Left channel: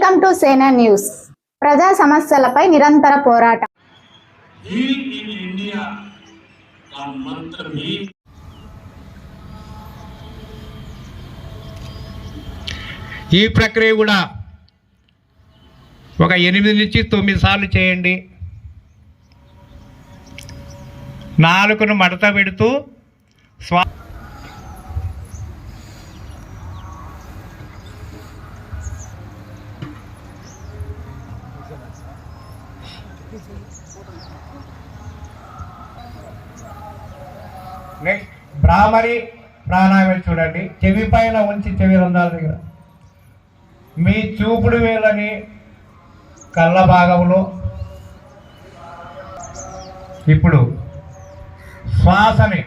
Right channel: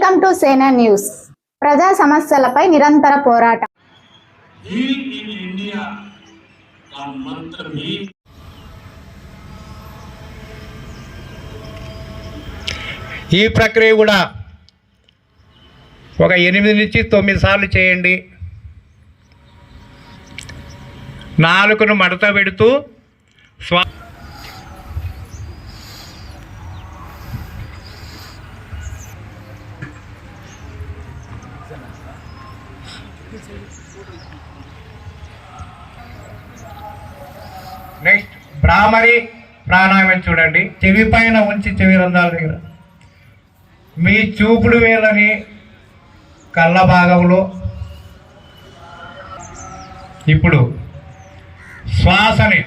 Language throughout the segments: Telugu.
వెల్కమ్ టు సేనా న్యూస్. ప్రజా సమస్యలపై నిరంతర పోరాటం. ఈ ప్రక్రియ కూడా ఒక 8 నుంచి 9 సార్లు చేయండి. నాలుకను మడత పెడుతూ నెక్స్ట్ బ్రాహ్మరి ప్రాణాయామం చూడండి. చెవి పైన ఉంచి చెవి రంధ్రాల దగ్గర మీ చూపుడు వేలని కళ్ళ భాగంలో ఇప్పుడు శ్వాసని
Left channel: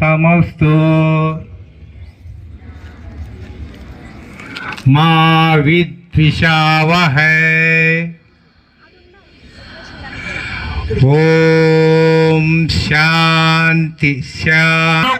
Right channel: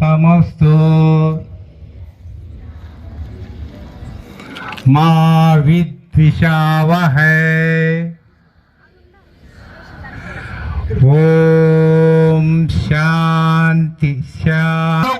సమస్తు మా విద్విషావహై ఓం శాంతి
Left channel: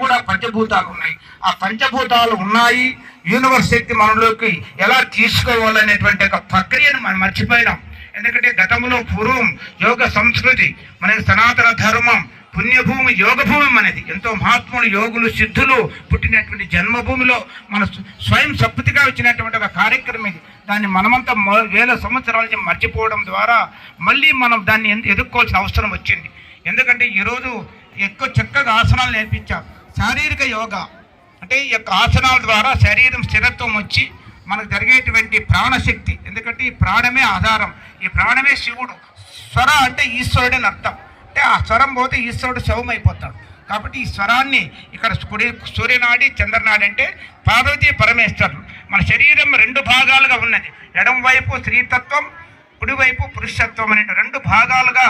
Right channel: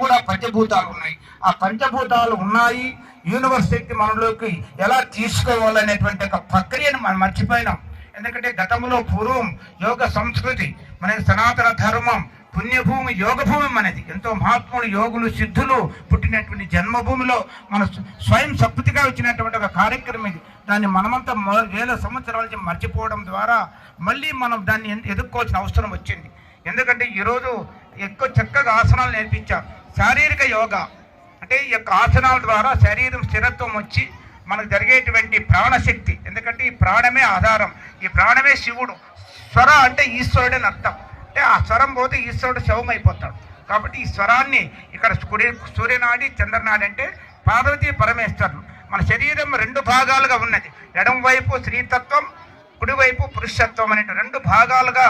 కూడా పంచభూతాలు ఉన్నాయి. ఆ పంచభూతాలు ఉన్నాయి. యూనివర్స్ శక్తి మనలోకి ఎలా తీసుకోవాలనేటువంటి ఒక ప్రక్రియను మనం మర్చిపోయినాం. ఎందుకంటే గతంలో పూర్వం యోగ సంస్కృతి మన సనాతన ధర్మం పుణ్యభూమి యోగభూమి మనది. ఎంతో మహాత్ములు యోగులు సిద్ధులు పుట్టినటువంటి జన్మభూమిలో మన స్వయం సంపత్తిగా వచ్చినటువంటి ఒక కార్యక్రమం ఇది. దాన్ని మనమంతా వేల సంవత్సరాల నుంచి మర్చిపోవడం ద్వారా మళ్ళీ మనం దాన్ని ఎదుర్కోవాల్సిన అవసరం వచ్చింది. ఎందుకంటే ఈరోజు ఎక్కువ చక్కగా ఆసనాలు నేర్పించాం. శారీరక యోగా అంటే ఈ యొక్క ఆసనాల ద్వారా శరీరం స్థిరత్వం వచ్చి మనకు జరిగేటువంటి ప్రాణశక్తి. ఎందుకంటే ఈ ప్రాణమే ఆధారం, ఈ ప్రాణమే శివుడు. స్వర అంటే ఈశ్వరుడు అని అర్థం. అంటే ఆ స్వరం పోతే ఈశ్వరుడు శవం అయిపోతాడు. కాబట్టి ఈ స్వరాన్ని ఇక్కడ సూర్యనాడి చంద్రనాడి అంటే పార్వతీ పరమేశ్వరులు. మన శరీరం 2 భాగాలుగా ఉన్నది. ఎడం వైపు స్త్రీతత్వం, కుడివైపు పురుషత్వం అనే 2 భాగాలుగా